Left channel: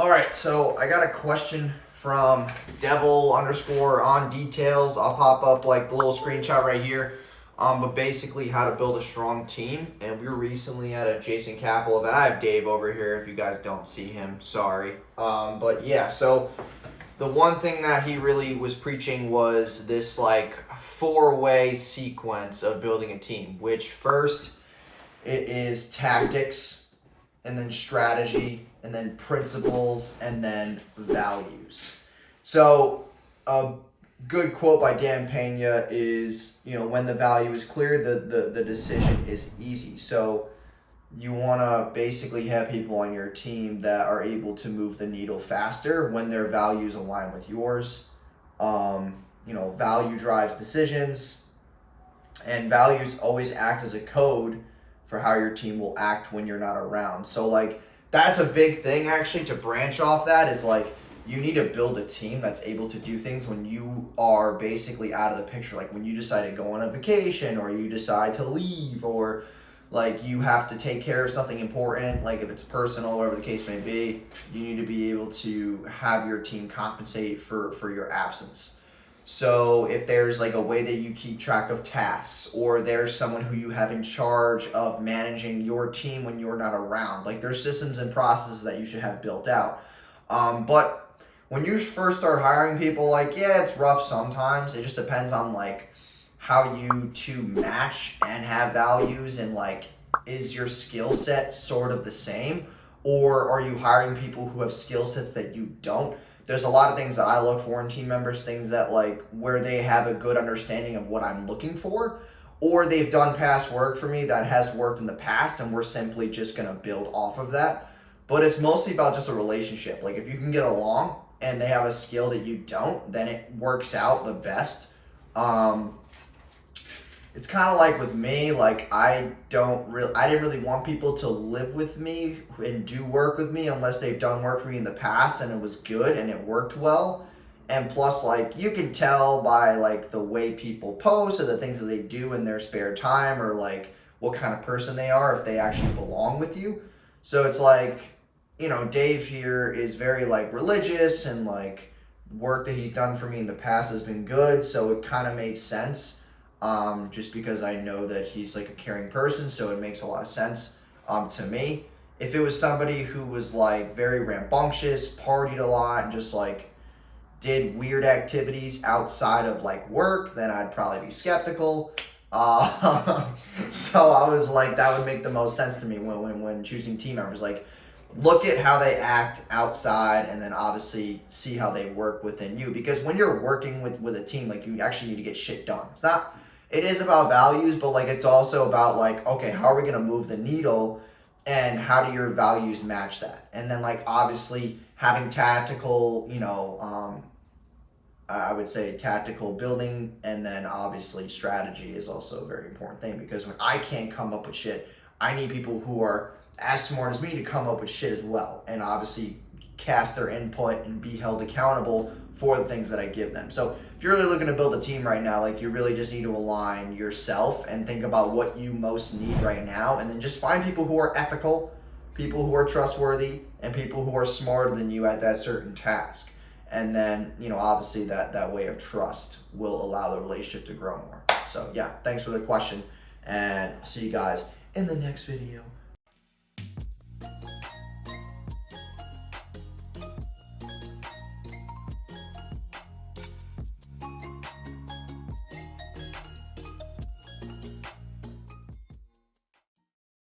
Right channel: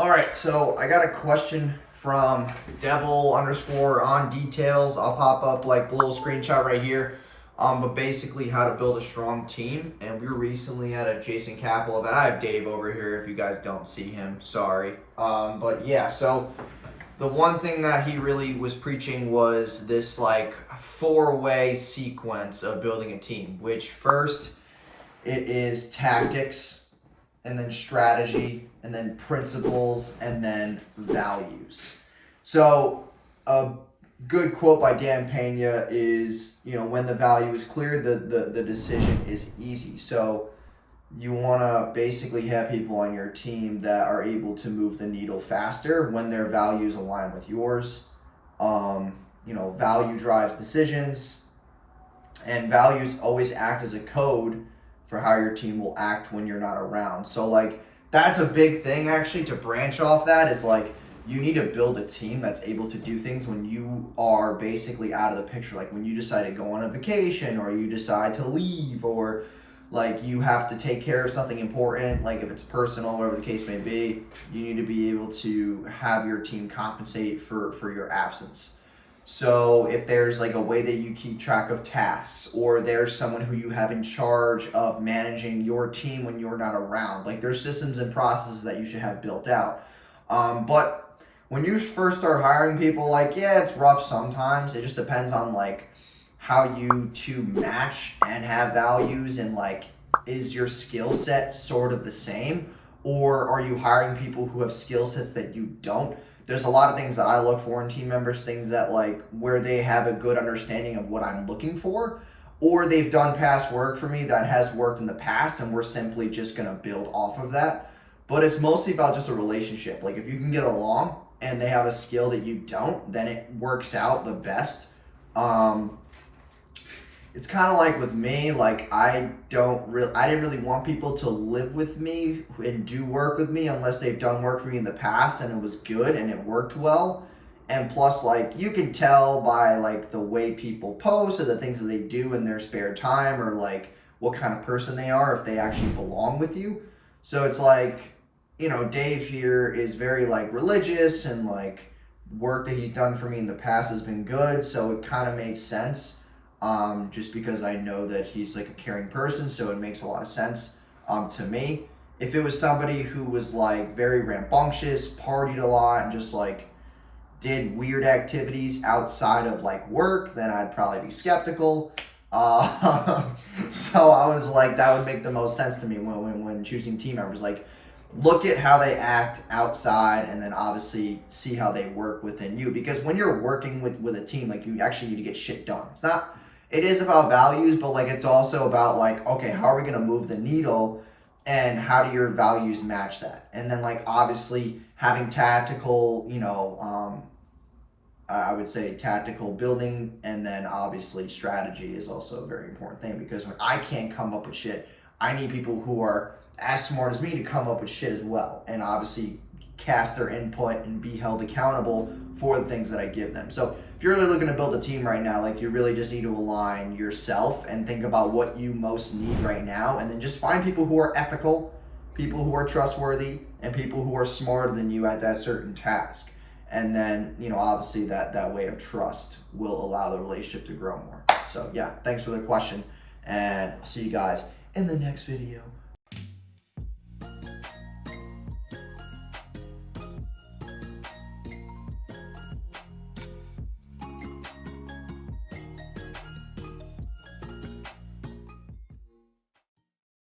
All right, so I got a question from devil_on details. I'll pop up like the little screenshot right here. But basically how to build a strong team. And we were recently at a Jason Capel event. I have Dave over here if you guys don't see him. Sorry. But yeah, so the one thing that he really was preaching was this like 4-way sequence of building a team, which first it is tactics, and then strategy, and then principles, and then values. So a good quote by Dan Pena is, when the value is clear, the decision is easy. So you want to basically have people on your team that are able to move the needle faster when their values align with yours. Value drives decisions, and values always act as a code for how your team will act when you're not around. So like that's a big thing actually to branch off that is like you need to build a team that's able to do things when you are basically out of the picture. Like when you decide to go on a vacation or you decide to leave or like you have to take care of something important, like if it's personal, whatever the case may be, you need to be able to have your team compensate for your absence. So if there's like a way that you keep track of tasks, or there's someone who you have in charge of managing your team when you're not around, like there's systems and processes that you should have built out. But when you first start hiring people, like, yeah, it's rough sometimes. It just depends on like how you two match and have values, and like, is your skill set sort of the same, or are you hiring people who have skill sets that you don't? There's a lot of things that I look for in team members, things that like where they have a good understanding of what I'm looking for, or they've done past work for me that has worked in the past and we're simply just going to build off of that. But it's mostly about just a relationship. Like if you can get along and they have a skill that you don't, then it works out the best. It's kind of like with me, like I didn't really want people to live with me and do work with me unless they've done work for me in the past and it was good and it worked well. And plus, like, you can tell by like the way people post or the things that they do in their spare time, or like what kind of person they are, if they actually belong with you. So it's like, Dave here is very like religious, and like work that he's done for me in the past has been good. So it kind of made sense. Just because I know that he's like a caring person, so it makes a lot of sense to me. If it was somebody who was like very rambunctious, partied a lot, and just like did weird activities outside of like work, then I'd probably be skeptical. So I was like, that would make the most sense to me when choosing team members. Like, look at how they act outside, and then obviously see how they work within you. Because when you're working with a team, like, you actually need to get shit done. It is about values, but like it's also about like, okay, how are we going to move the needle, and how do your values match that? And then like obviously having tactical, I would say tactical building, and then obviously strategy is also a very important thing, because when I can't come up with shit, I need people who are as smart as me to come up with shit as well, and obviously cast their input and be held accountable for the things that I give them. So if you're really looking to build a team right now, like you really just need to align yourself and think about what you most need right now, and then just find people who are ethical, people who are trustworthy, and people who are smarter than you at that certain task. And then, obviously that way of trust will allow the relationship to grow more. So yeah, thanks for the question, and I'll see you guys in the next video.